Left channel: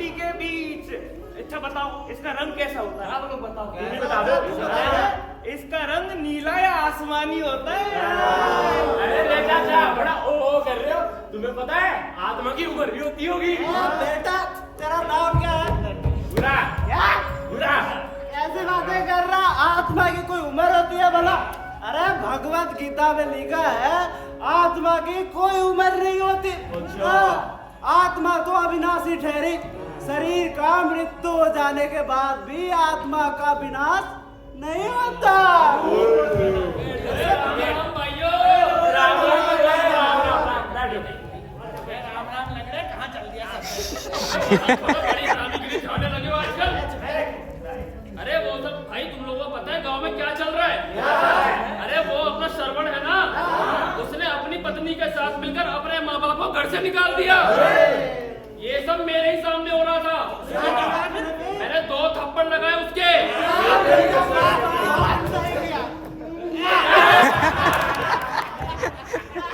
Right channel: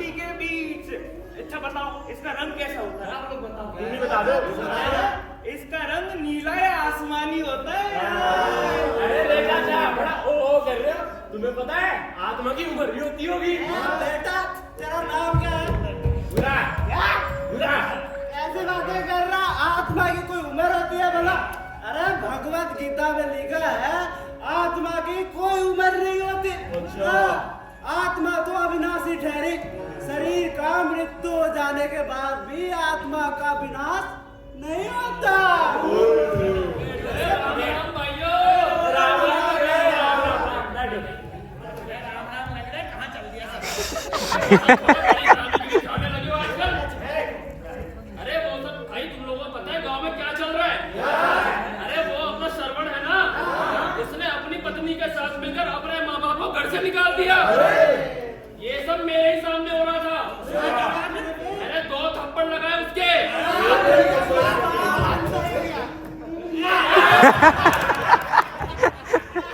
शांति के बीच। अच्छा बताओ इसका रंग कैसा होता है? आप लोग बताओ। तुम ही बता दो। इसका रंग नीला या आसमानी होता है। अरे रे चाचा, बड़ा ओ कर रहे हो। तुम्हें पता है आत्मा की उम्र भी होती होगी। बेटा तेरा नाम क्या है? बुरा क्या? बुरा। ऐसी बातें कर रहा, आत्मा की कोई उम्र होती है भला? अरे भगवत गीता में लिखा है आत्मा की कोई उम्र नहीं होती। आत्मा तो अविनाशी ठहरी। शरीर का मृत्यु हो जाने के बाद भी आत्मा का विनाश नहीं होता। अरे वो सब भाई तुम लोगों को पता है गांव में क्या चल रहा है? अरे वो अपना श्रवण है ना, उसने अपनी पत्नी के साथ मिलकर अपने माँ बाप को घर से निकाल दिया। ये सब मेरे ही सामने हो रहा था। मैंने 2 थप्पड़ लगाए उसके।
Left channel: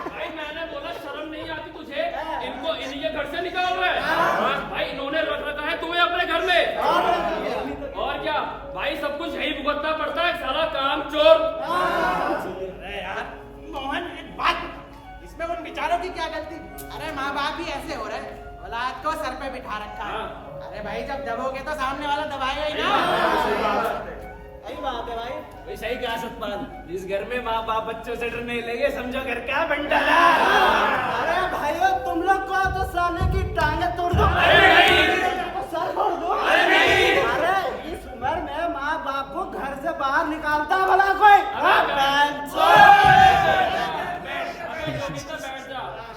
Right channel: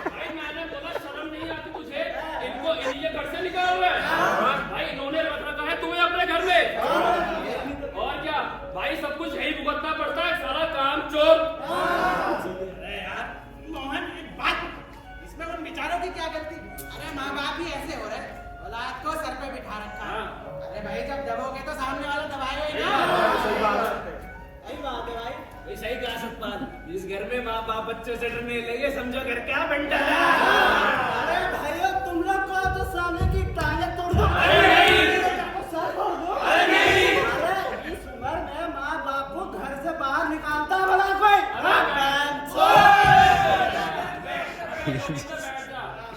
भाई मैंने बोला शर्म नहीं आती तुझे? इनको इन्हीं घर से निकाल रहा है भाई। इन्होंने रख रखा है तुम्हें अपने घर में। और क्या भाई, सब कुछ यही भुगतना पड़ता है, साला काम चोर। अरे यार मोहन, एक बात, इसमें उन बेचारों की क्या गलती? अरे माँ बाप ही ऐसे हो रहे, औलाद को सर पे बिठा रखा है। अरे भाई जब दबोगे तो सामने वाला दबाएगा ही ना। सही बात है भाई। वही सही कहा सतपाल। जिस घर में माँ बाप बच्चों से डरने लगे समझो घर का बंडल। अरे भाइयों तुम लोग को तो साले की टांगे तोड़ दो। सर फोड़ दो। अरे इस उम्र में माँ बाप को घर से बाहर निकालता भला कोई?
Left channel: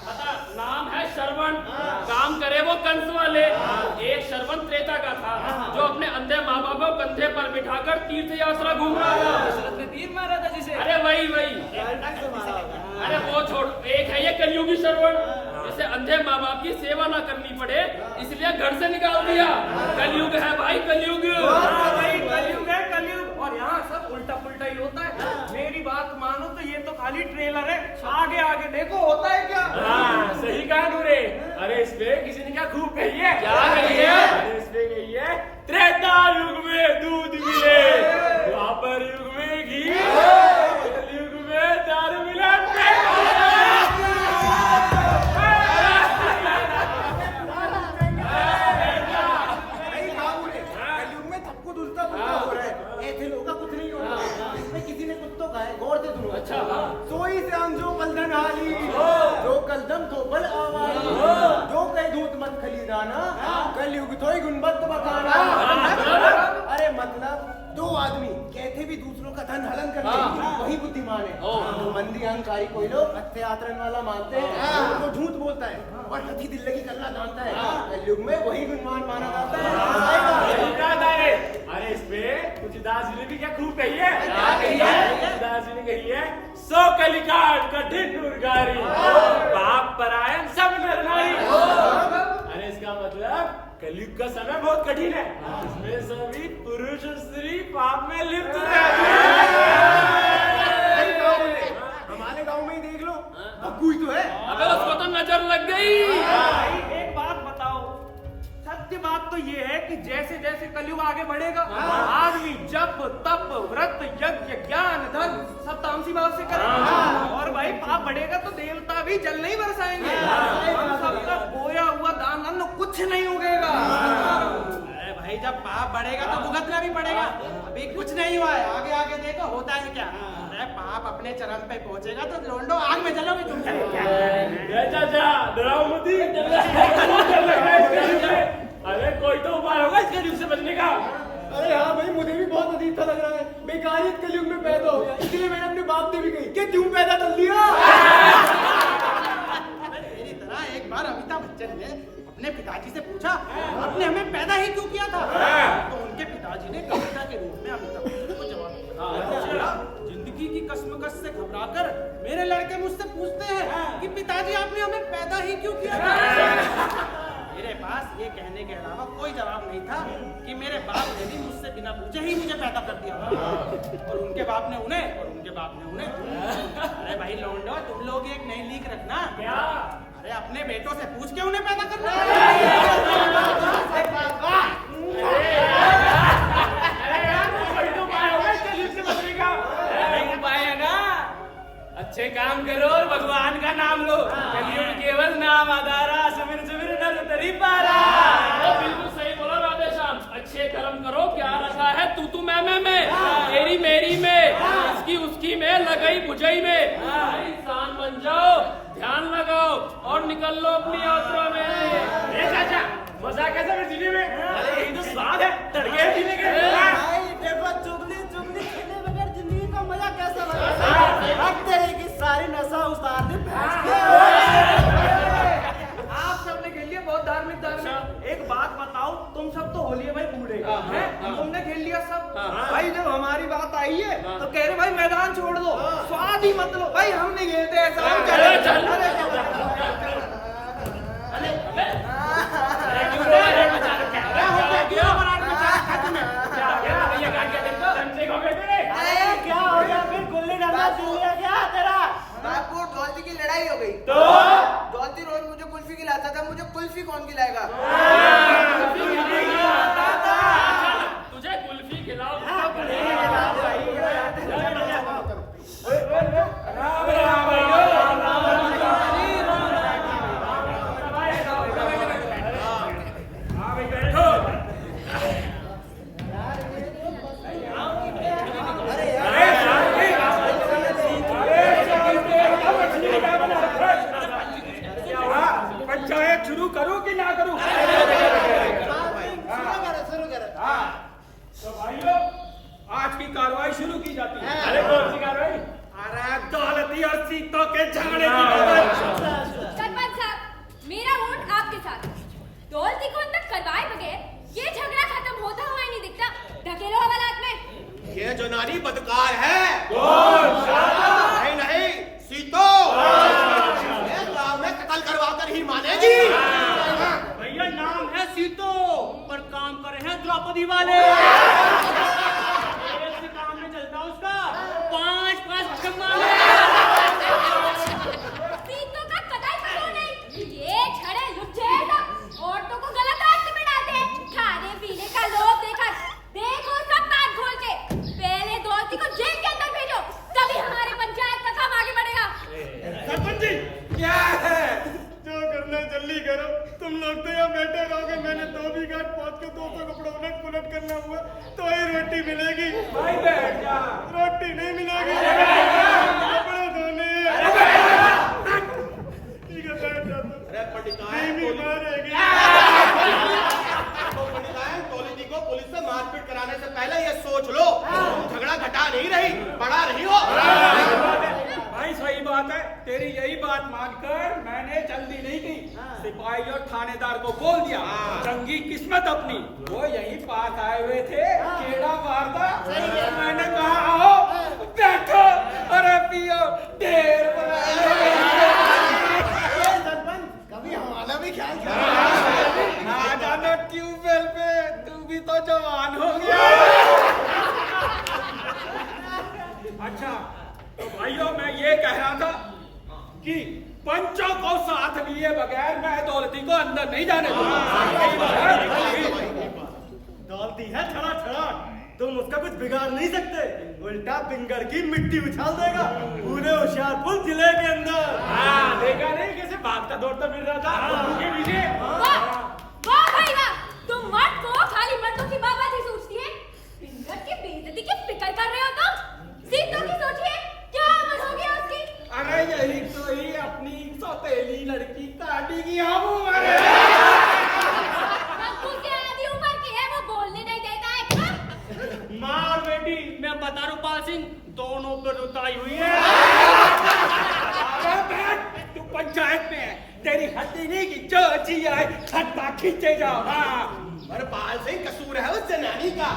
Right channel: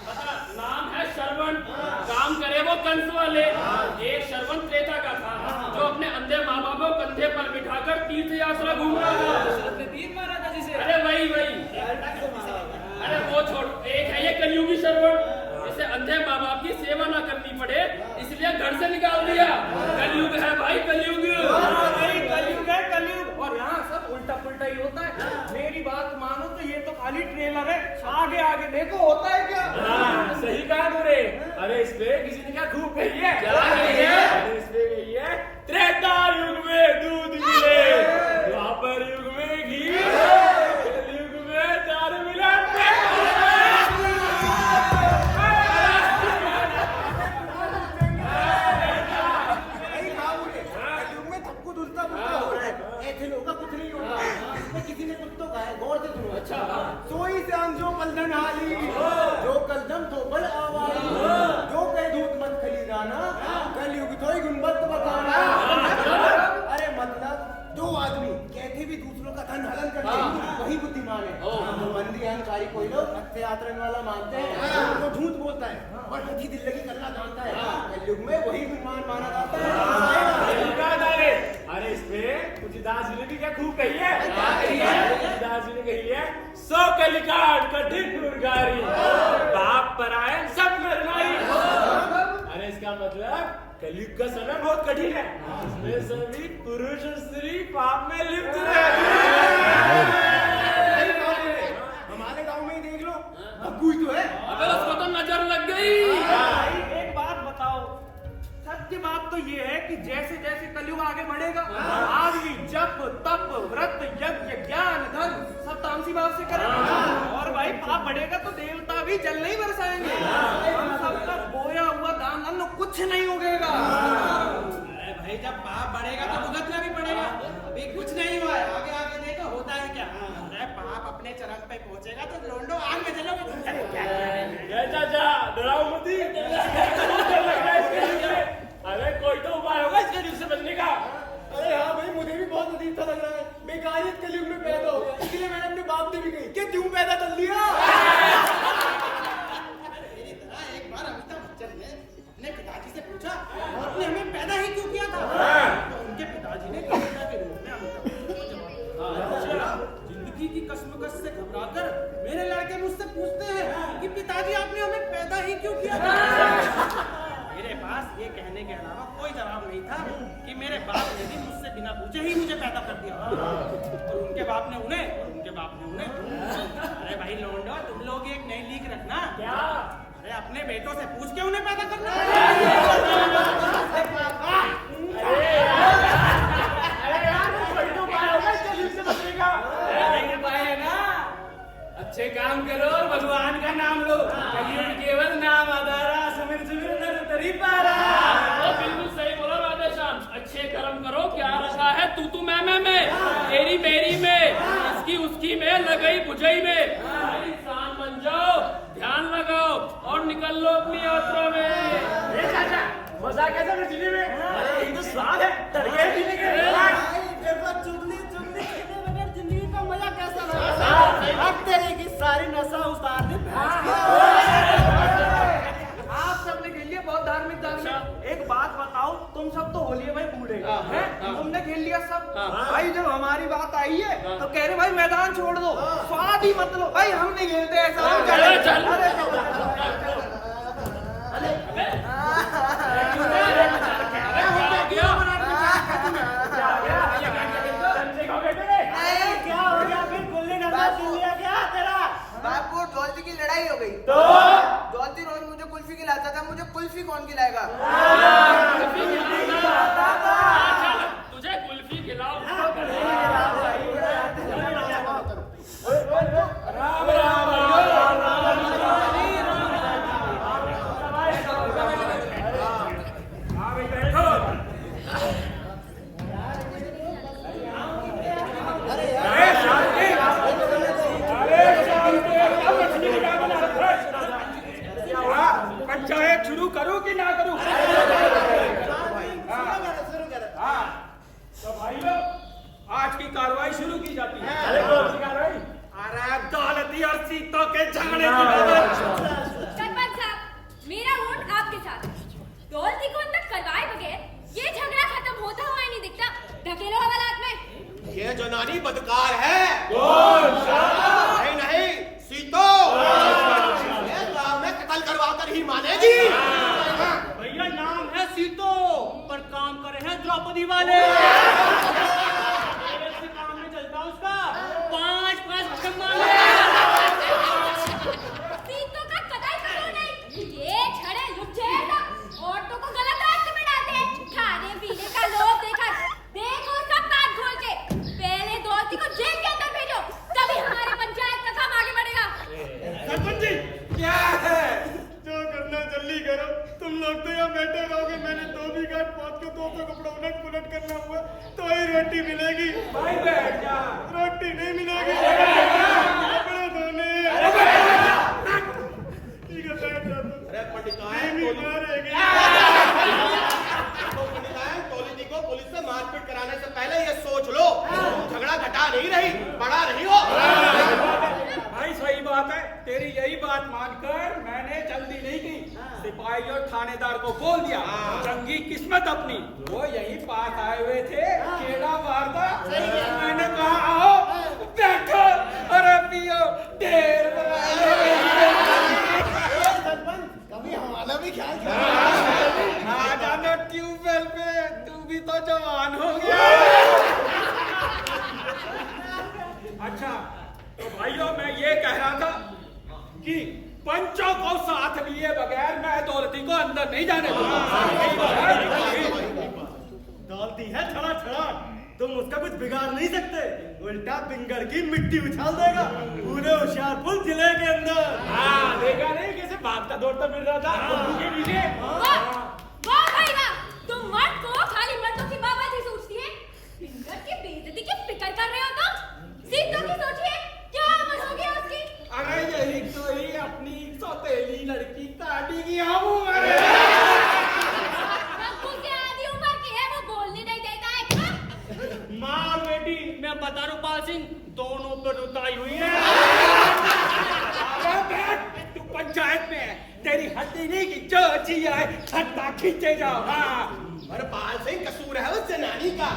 पता नाम है श्रवण, काम करे वो कंस वाले। एक श्रवण त्रेता का था जो अपने अंधे माँ बाप को कंधे पर बिठाकर तीर्थ यात्रा घूम रहा था। तीर मारा था जिसे। अरे वही। अरे वो छोड़, एक है ये कलयुगी श्रवण, जिसे अंधे माँ बाप की सेवा ना करनी पड़े इसलिए घर से निकाल दिया। कलयुग है भाई, कलयुग। कलयुग है कलयुग। और यहाँ सब उल्टा पुल्टा ही होता है। मेरी बात मानो तो ये तो खाली ट्रेलर है, आगे आगे देखो होता है क्या। हाँ सही कहा तूने। अरे इस पे किसी ने क्या खूब कही है? क्या कही है? अरे इस पे कही है त्रेता युग में दूध मिले, द्वापर युग में घी, कलयुग में दारू मिला। कलयुग में सब कुछ उल्टा पुल्टा हो रहा है। ऐसे लोगों का कुछ नहीं होता है। इसमें किसी ने कुछ तो कहा है, गौर से सुनो। अच्छा। सोई से हम जो कलदन हाली, जो कलदम तो बल आवाली, जो कहे धूत मत खली जाना, कलयुग तो ही गुणवत्त बताना। अरे मतलब दो आदमी कहते भी दूसरों का धन हलन करते हैं, वही बुद्धिमान है। तो मंदी अहंकारी कोई लोग अच्छे आचरण वाला मानते हैं, वो झूठ बोलता है और हठी दिल्लगी करना जानता है। कलयुग में वही गुणवान माना जाता है। अरे इस पे तुलसीदास जी ने भी क्या खूब कही है? तुलसीदास जी ने कही है सो कलिकाट कठिन दुर्गारी, बाप परायण सब नर नारी। अरे इसका मतलब कलयुग का समय बहुत कठिन है। इसमें सभी पुरुष और स्त्री पाप में लिप्त रहते हैं। हमारे गांव में ही देख लो, बग्गू ही तो है। अबे उसको तो नजर लग गई। भाई एक बात बताओ, सत्य बात तो ये है कि जैसे जैसे कलयुग आगे बढ़ेगा आदमी जप तप व्रत यज्ञ ज्ञान धन सब तामसी भाव से करेगा। और भाई पाप बढ़ेगा तो देवता भी जल नहीं बरसाएंगे। हम सबका बोया हुआ दान अन्न कुछ नहीं उगेगा। अरे भाई जब पाप बढ़ेगा तो भुगतना भी पड़ेगा। अभी कुछ नहीं हुआ है, आगे आगे देखो होता है क्या। अरे पाप अपने चरम पे पहुंचेगा तो लोंडो आग में जलोगे तुम। चाचा डराओ मत ही। अरे कोई तो उपाय होगा इसके युग से बचने का। अरे हाँ भाई, मुझे भी बहुत अजीब सा लग रहा है। बेकारियत कलयुग में पैदा हो गया, इसलिए मैंने अपने बाप से भी कही कि क्यों पैदा कर लिया। मेरी तरह एक बार अमिताभ बच्चन ने अपने पिताजी से पूछा आपने हमें पैदा ही क्यों किया था? तो उनके पिताजी ने कविता के रूप में अमिताभ बच्चन को जवाब दिया, जिंदगी की कश्मकश से घबराकर मेरे लड़के मुझसे पूछते हैं कि पिताजी आपने हमें पैदा ही क्यों किया था? मेरे पास ये कहने के अलावा कोई जवाब नहीं था कि मेरे बाप ने भी मुझसे बिना पूछे ही मुझे पैदा कर दिया और उनके बाप ने उन्हें और उनके बाप ने उन्हें। अरे भाई लौंडो, तुम लोग एक नई लीक रखना। क्या? अरे अपने बेटों से पूछ के उन्हें पैदा करना। उपाय है ना, अच्छे काम करो और भगवान का नाम लो। कलियुग केवल नाम आधारा, सुमिर सुमिर नर तरी पारा। वो बिल्कुल सही बोला राधे श्याम। अच्छे कर्म करो, क्या रखा है तू मैं तेरी मेरी में, इसकी उसकी में, लगई बुझई में। भाई इंसान बन जाओ, ध्यान लगाओ और निकल लो अपनी यात्रा में। चाचा मजा कैसा है जीने में? अरे ये तो स्वाद है, तड़के जीने के। देखो चुगली चुगली खेले बगैर जिंदगी का मजा कैसा लगता। अब तेरे की सारी नशा उतार दे भैंस की। आप सबने खेल लिया बहुत धार्मिक। एक बात बताओ, तुम सब तो होली है भाई बूढ़े हैं, तुमने खेल लिया सब। भाई जब हमारी बात आई है तो कह रहे भाई मैदान छोड़ दो, स्वाद ही मत लो। भाई हम नहीं खेलते ऐसा। हम क्या हो गया फिर? गुल्ली डंडा छीन लिया क्या तेरा? बापू डॉल्टी की लड़ाई हो गई तो डॉल्टी रोज मुझे कुल्फी खिलाता था, मुझे कुल्फी कौन खिलाएगा? तुझे कुल्फी खिलाओ। पंचायत शुरू करूं कि ना करूं? हाँ, तो भाइयों आज की कार्रवाई शुरू की जाती है। अरे कौन सी कार्रवाई? अरे दौलती और सीतों के झगड़े की बात। सरपंच साहब, मेरा वोट आपके साथ है। दौलती को अंदर करवाए बगैर ये झगड़ा खत्म होता हुआ ही नहीं दिखता। धकेलो हवालात में। ये जो नारी बदकार है। नहीं सीतो गाँव में कत्ल करवा कर ही मानेगी। भैया नाम है सीतो, पर काम करे हैं द्रौपदी वाले। ऐसे काम में चलता उसका 5-5 सम्मान। सीतों का कतई कसूर नहीं। ये छड़े लुच्चे सब औरतों को गलत रास्ते में डालते हैं। खाने पीने का लोभ देखा, देखो सब बात खोल के। पहले दौलती को जेल के अंदर भेजो, तभी हमारे पंचायत का काम आगे बढ़ेगा। सरपंच जी क्या है? जो करना जल्दी करो। तुम लोग तो यहाँ बैठे रहोगे। मैंने धोबी घाट पहुँच के 200 कपड़ा उलट पुलट करना हुआ तो ही रोटी मिलेगी। भाई बैठ जा। रोटी नहीं मिलेगी, कपड़े धोने। ठीक है बैठ जा। अरे मारेगी। तो पंडिताएं दौलती को पुलिस से मारपीट कराने से पहले ये सोच लो, झगड़ा घटा नहीं रही, बड़ा रही हो। भाई सही बात है, तेरी यही बात मानकर मैंने जल्दी नहीं की। सिपाही और थानेदार को बोल दिया, चंगी किस्मत अपनी। वो यही पास आए हुए थे, केड़ा मारता। मैंने कहा आओ बैठो, अरे पियो, ढेर सरपंच कभी हमारा भी ख्याल आ जाना ट्यूबवेल पे, तू भी तो जवान हो गया। अच्छा तो भाइयों मैं ये कह रहा था कि पंचों को साथ लिए बगैर मैं दौलती को अंदर नहीं जाने दूंगा। दौलती है छड़ा छड़ा, तुम उसका कुछ बिगाड़ नहीं सकते। उल्टा पिंगल की मिट्टी उछाल देगा पूरे होशियारपुर जिले के अंदर। हाँ देखा नहीं कैसे भागता दौड़ता फिर रहा था के पीछे। वाह भाई वाह, तुम मर्द को खाली मर्दों की बात ही सोचती है। पिंगल की बेइज्जती की फिक्र कर रहे हो तुम। सीतों की सोचिए, क्या अमल हो गया उसकी? अरे यही तो ही अपनी सौतेली लड़की काटी की हम उम्र। बब्बू के आधी उम्र की है, वो बोलने नहीं देता है। माँ और बेटी मैं बता रहा हूँ पाल सिंह, दोनों पर रुताई हुई है। अरे बैठ, तू पंचायत में है, तेरी हड्डी नहीं की जो जी आए खट्टा खींचे जाओ। हाँ पर पाल सिंह कसूर है उस जनानी का।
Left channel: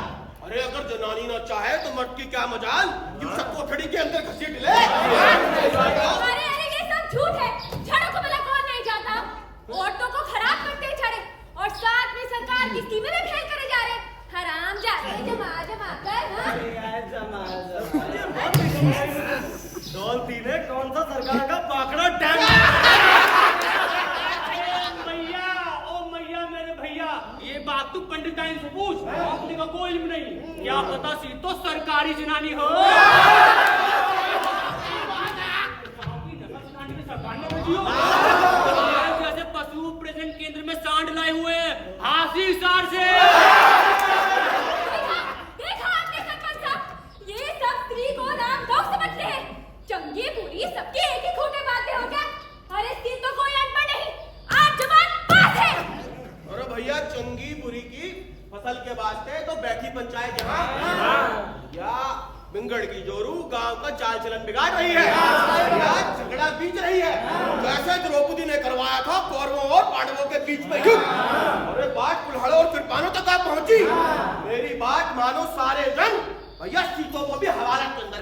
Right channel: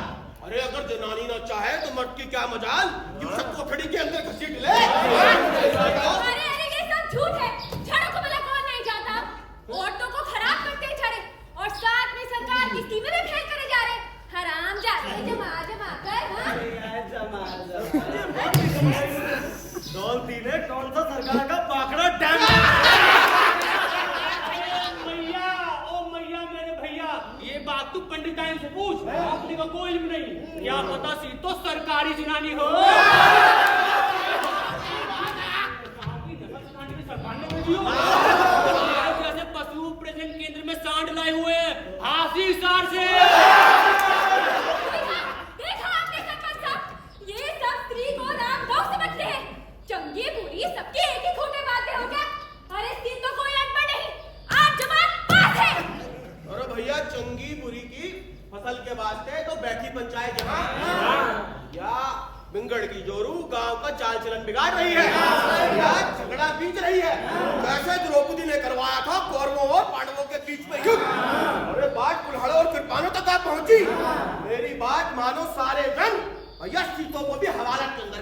अरे अगर जनानी ना चाहे तो मर्द की क्या मजाल कि उसे कोठड़ी के अंदर घसीट ले। अरे अरे ये सब झूठ है। छड़ों को भला कौन नहीं जानता? औरतों को खराब करते हैं छड़े, और साथ में सरकार की स्कीमें भी फेल करे जा रहे हैं। हराम जाते जमा जमा कर। दौलती ने कौन सा सरकार का पाकड़ा डैम पूछ, अपने का कोई इल्म नहीं। क्या पता सी तो सरकारी जनानी हो। जैसे पशु प्रजनन केंद्र में सांड लाए हुए हासी सार से। देखा आपने सरपंच साहब, ये सब स्त्री को राम गौ समझते हैं। चंगी बुरी सबके एक ही खूंटे बांधते हो क्या? अरे स्त्री तो कोई अनपढ़ नहीं, आज जवान पास है। अरे भैया चंगी बुरी की फसल के वास्ते तो बैठी पंचायत यहाँ या बिंगड़ की जोरू गांव का चाल चलन बिगाड़ रही है या झगड़ा बीच रही है। जैसे द्रौपदी ने करवाया था कौरवों और पांडवों के बीच में युद्ध। अरे बात कुल्हाड़ों और कृपानों तक आप पहुंची। मेरी बात मानो सारे जन, भैया सीतों को भी हवालत के अंदर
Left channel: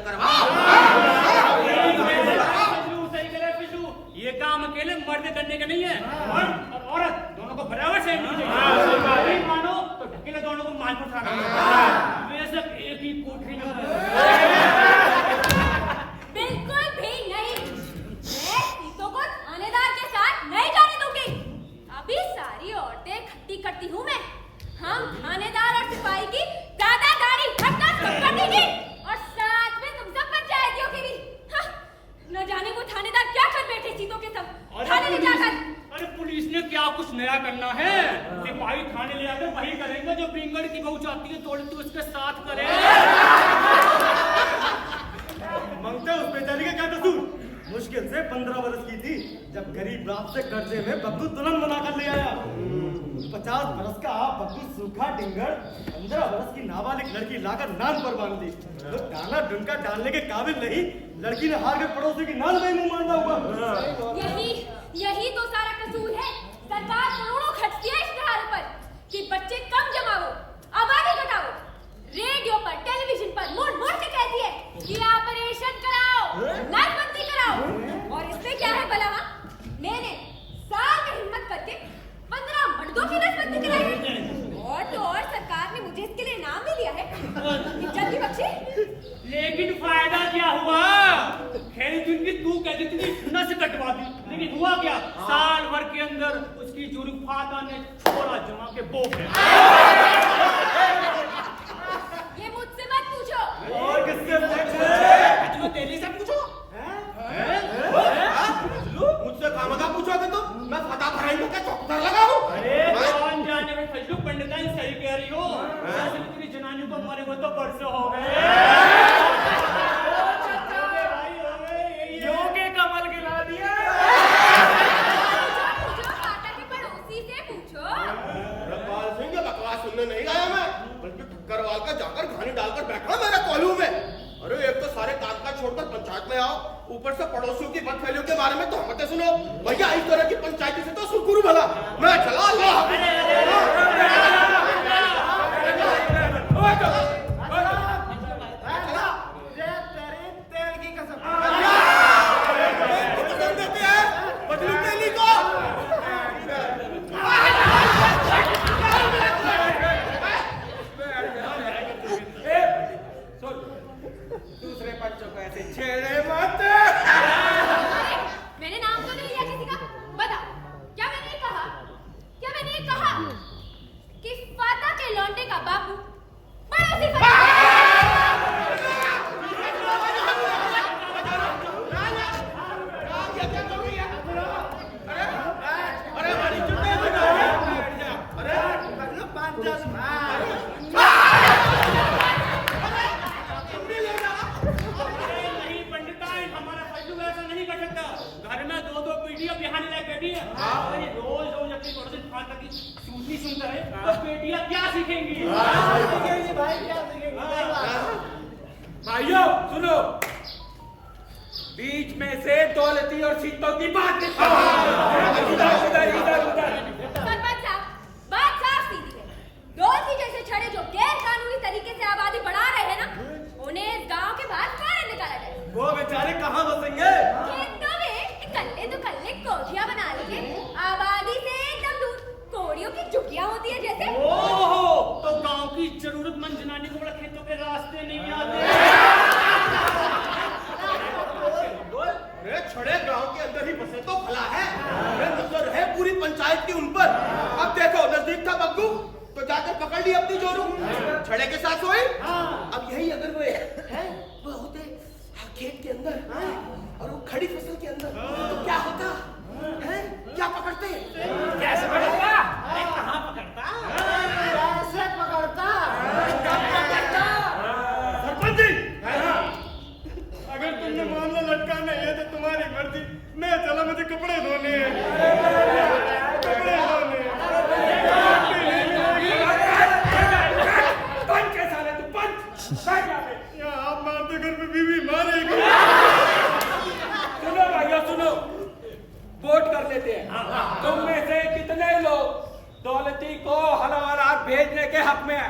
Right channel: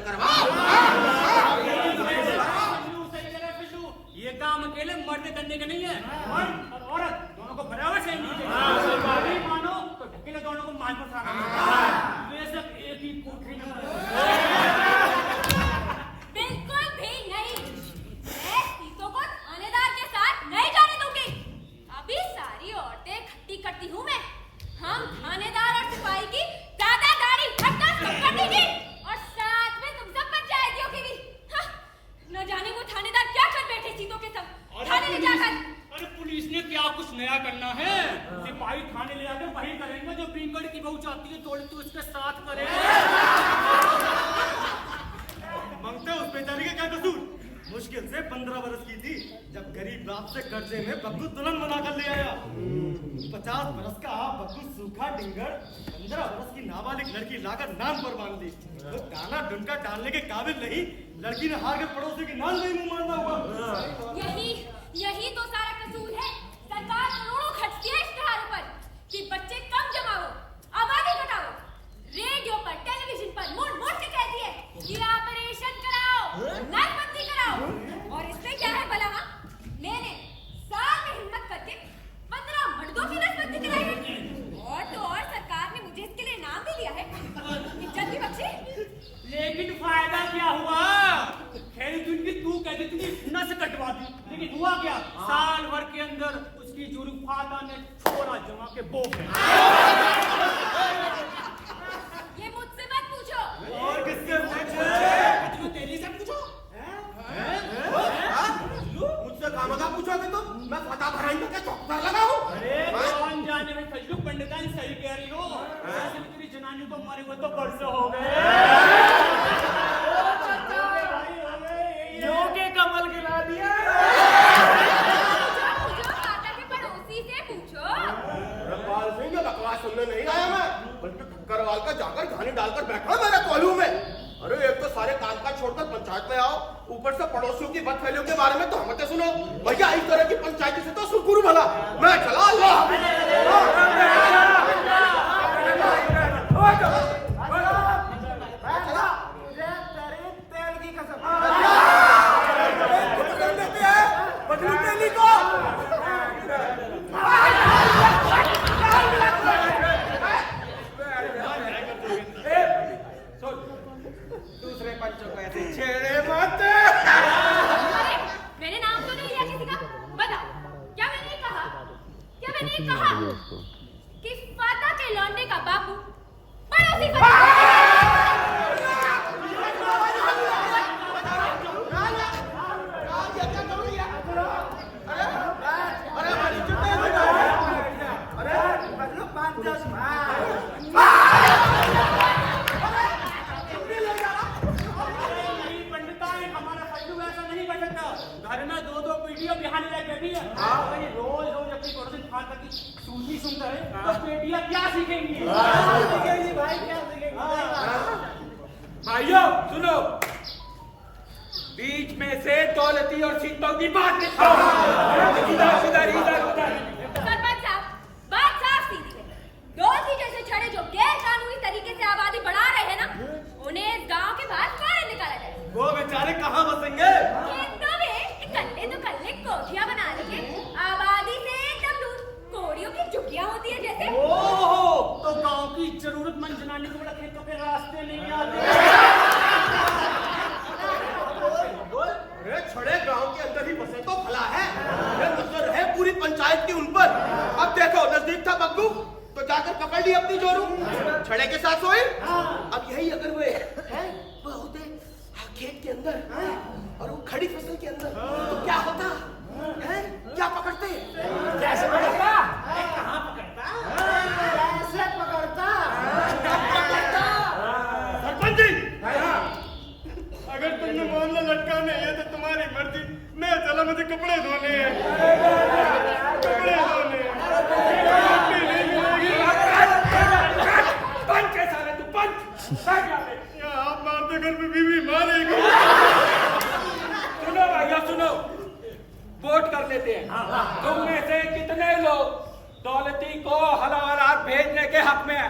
ये काम अकेले मर्द करने का नहीं है, मर्द और औरत दोनों को बराबर से चाहिए। मानो तो ढकेले दोनों को माल पर वे सब एक ही कोठरी में। बिल्कुल भी नहीं, मैं सीतों को थानेदार के साथ नहीं जाने दूंगी। अभी सारी औरतें इकट्ठी करती हूँ मैं। हम थानेदार और सिपाही की ज्यादा गाड़ी हड़ताल कर देंगे और साथ में तुम सब पंचायतियों की भी। हाँ, न जाने वो थानेदार क्या कर बैठे सीतों के सब थाने ले जाकर। अरे पुलिस ने क्या कुछ नया करना है? सिपाही थाने ले जाकर वही करेंगे जो बिंगड़ की बहू चाहती है थोड़ी तो उसके साथ करे। मंगते उस बेचारी का क्या कसूर? मुश्किल से 15 बरस की थी जब गरीब बाप से कर्जे में बब्बू दुल्हन बनाकर ले आया। 50 बरस का बब्बू सूखा डिंगर 15 बरस की नाबालिग लड़की लाकर नान पर बांध दी। तो दाना डुनका डालने के काबिल नहीं, लड़की ने हार कर पड़ोसी की नान में मुंह मारना हुआ। यही तो सारा कसूर है। सरकार करोड़ों खर्चती है इश्तेहारों पर कि बच्चे कम जमाओ, आबादी घटाओ। रेडियो पर टेलीविजन पर मोड़ मोड़ के कहती है कि ऑपरेशन कराओ, नाकबंदी कराओ। और इसमें क्या है भला? मैंने साल में हिम्मत करके 15 मर्दों की नसबंदी कराई है। और तो और सरकार ने मुझे इसके लिए इनाम भी लिया है। इज्जत भी बख्शी। लेकिन फायदा क्या हुआ? खेल चुन की तू कहती थी नस कटवा दी, लेकिन हुआ क्या? साल भर के अंदर उसकी जुर्फाता ने छोरा जमा के बोक है। ये मुझसे मत पूछो। और किससे पूछे? तेरी से पूछो। मुझसे खामखा पूछोगे तो मैं फटा भराई को क्या चौकीदार लगा हूँ? अरे कौन जाने में फजलू पंडिताइन सही कह रही हो। ऐसे भी तेरी जनानी को मरे हुए तो बरसों हो गए। योगे कमल गिरा दिया। पूछो माता के पड़ोसी से पूछो। रखवाल सिंह ये बकवास सुनने नहीं आया मैं, बल्कि ठक्करवाल का जाकर घानी डालकर बैठा मेरे कोल्हू में। अरे एक तो सारे कामकाज छोड़कर पंचायत में आओ, ऊपर से पड़ोसियों की बदफैलियों के बारे में तो हमते सुनो। भैया इस तरह की पंचायती से तो सुरगुरु भला मैं चला दूसरे पंचों को ऐसे छेड़े मत। अरे मैंने नाम तो नहीं लिया किसी का। बताओ क्या मैंने कहा? क्या मैंने कहा कि फाता के लौंडे का बापू पड़ोसी घर में 2-2 पीढ़ियां बिहाने लायक बैठी है। रोज रोज अपनी पड़ोसी फाता की सूनी सुनता है तो बेटियां क्या सीखेंगी? भाई क्या सीखेंगी? भाइयों सुनो, बीच में से दौलती और सीतों की बात सरपंच साहब, बात साफ सीधी है। दौलती जैसे छड़े जो गैर कानूनी तरीके से आबादी बढ़ा रहे हैं ना, उन्हें इस गांव के बाहर फौरन निकाला जाए। वो बेचारे कहाँ बसेंगे? खेतों में कल्ले तो कल्ले कोठियां बना लिए, आबादी से एकदम दूर कोड़ियों की झुग्गियां होती है जैसे। ओहो, तो गांव की जरूरतमंद जनानी को बड़ा खेतों के रास्ते नहीं आते। अरे छड़े गांव के अंदर ही बसे तो भला है। ये नजर है पूरी पंचायत की उन पर। अब देखो नजदीक था बब्बू तो तो जाकर पकड़ ली अपनी जोरू, छड़े के साथ सोई। अब यही अगर वे हैं वो होते खेत के अंदर और वो खड़ी फसल के अंदर, तो क्या होता है? क्या पकड़ते? कैसे पकड़ता? कहाँ पकड़ता? कैसे पकड़ता? सरपंच जी, अगर तुमने मामला लटका नहीं है तो तुम्हारी मर्जी, मैं चला, मुझे कपड़े धोने हैं, कपड़े धोने हैं। रोटी नहीं मिलेगी। पंच है साले तू, पंच बैठ यहाँ पे। या आप मारते घर पे बीवी मारेगी। सुनो भैया सुनो, वोट कर लेते हैं। तुम में से कितने लोग दौलती को हवालात भेजने के हक में है?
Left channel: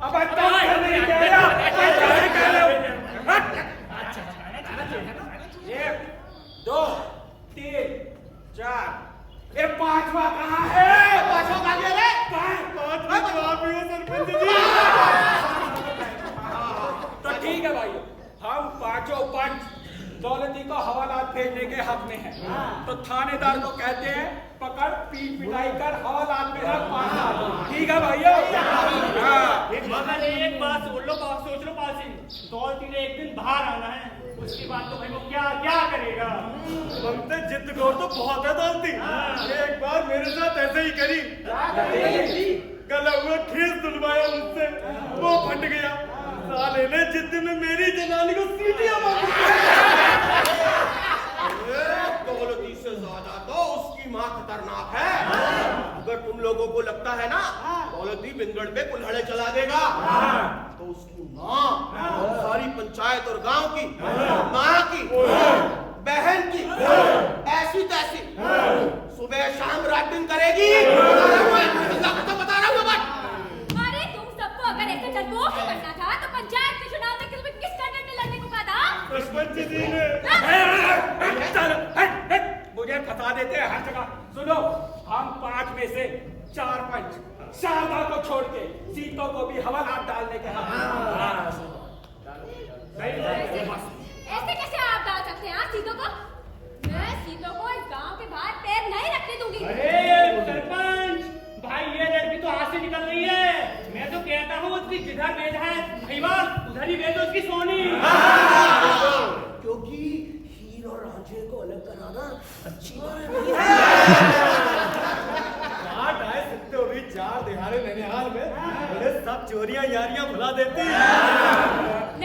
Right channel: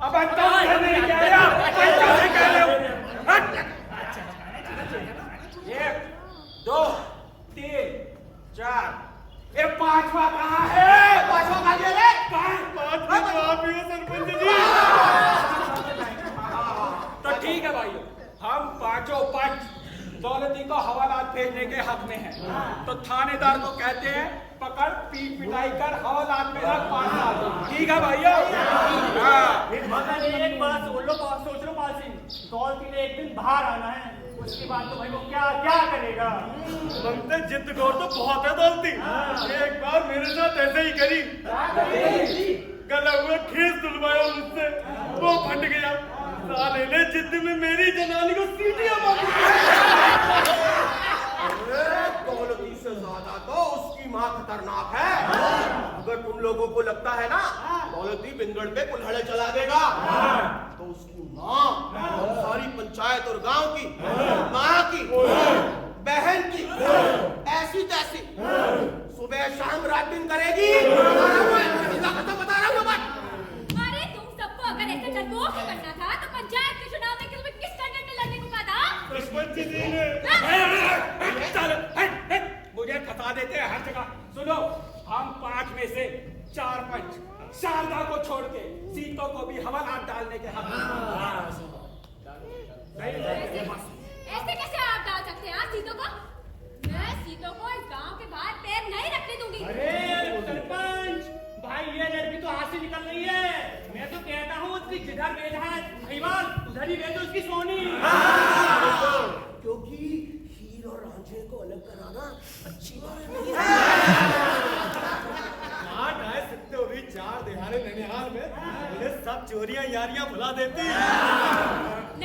अब तुम नहीं कह रहे हो, नहीं कह रहे हो। एक, दो, तीन, चार, ये पांचवा कहाँ है? पांचवा कहाँ गया रे? पांचवा तो आप ही हो सरपंच जी। तो ठीक है भाइयों, हम पांचों पंच दौलती को हवालात भेजने के हक में है। तो थानेदार को कहते हैं पकड़ पीट पिटाई कर हवालात में रख 5 साल। ठीक है भाइयों? मगर एक बात सोच लो पाल सिंह, दौलती ने एक दिन बाहर आना है, उसके बाद तो भाई वो क्या क्या करेगा। ममते जिद गौर तो बहुत है दौलती, एक बार मेरे साथ ऐसे ही करी, गला हुआ खीस दुलवाया मुझसे, वो फट गया। साले ने जिद में मेरी जनानी को सीटियां मारी। दौलती से ज्यादा तो उसकी माँ खतरनाक है। अगर तुम लोगों को लगता है ना दौलती बिंगड़ पे कुल्हाड़े चला देगा, तो उसकी माँ और सारी पंचायत और गांव की, माँ की, बहन की ऐसी तैसी सुबह शाम रात दिन करेगी। बता रहा हूँ बात। अरे तुम सबको अगर ऐसे डरपोक ही बनना था तो पंचायत के चुनाव में किस कैंडिडेट ने लड़ने को कहा था? सरपंच जी ने। मुझे फंसा देते हैं हर जगह। सुनो, हम 5 में से 4 पंच शारदा को छोड़ के सीतों को भी हवालात डालने के हक। ऐसे कैसे आप डाल सकते हैं सीतों को? मैं सीतों को इस गांव के बाहर पैर नहीं रखने दूंगी। अरे सरपंच भाई, ये लड़की तो हाथ से निकल रही है। मैं तो कहता हूँ उसकी जिधर भेज है भाईवाल, उधर ही भेजो उसकी सोनी। क्योंकि हीर और रांझे को अलग कराना अच्छी बात नहीं है। काट आए सकते हो भी 4 दिहाड़े ननिहाल में, उन्हें सब चोरियां यारियां भुला देती।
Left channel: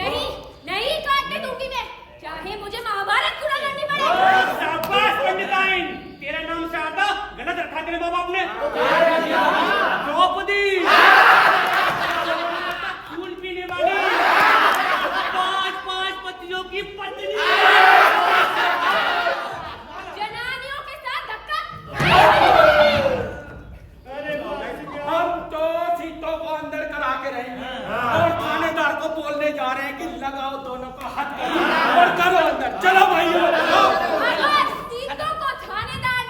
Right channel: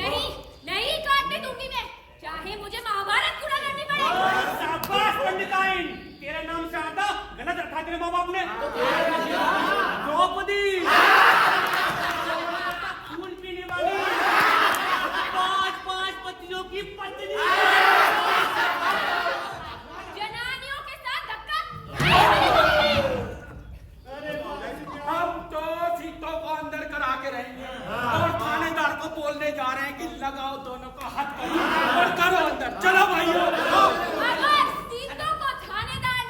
नहीं नहीं काटने दूंगी मैं, चाहे मुझे महाभारत पूरा करनी पड़े। शाबाश पंडिताइन, तेरा नाम शारदा गलत रखा तेरे माँ बाप ने। द्रौपदी फूल पीने वाली 5 पतियों की पत्नी। जनानियों के साथ धक्का। हम तो सीतों को अंदर करा के रहेंगे और थानेदार को बोलने जा रहे हैं कि लगाओ दोनों को हाथ और करो अंदर। चलो भाइयों।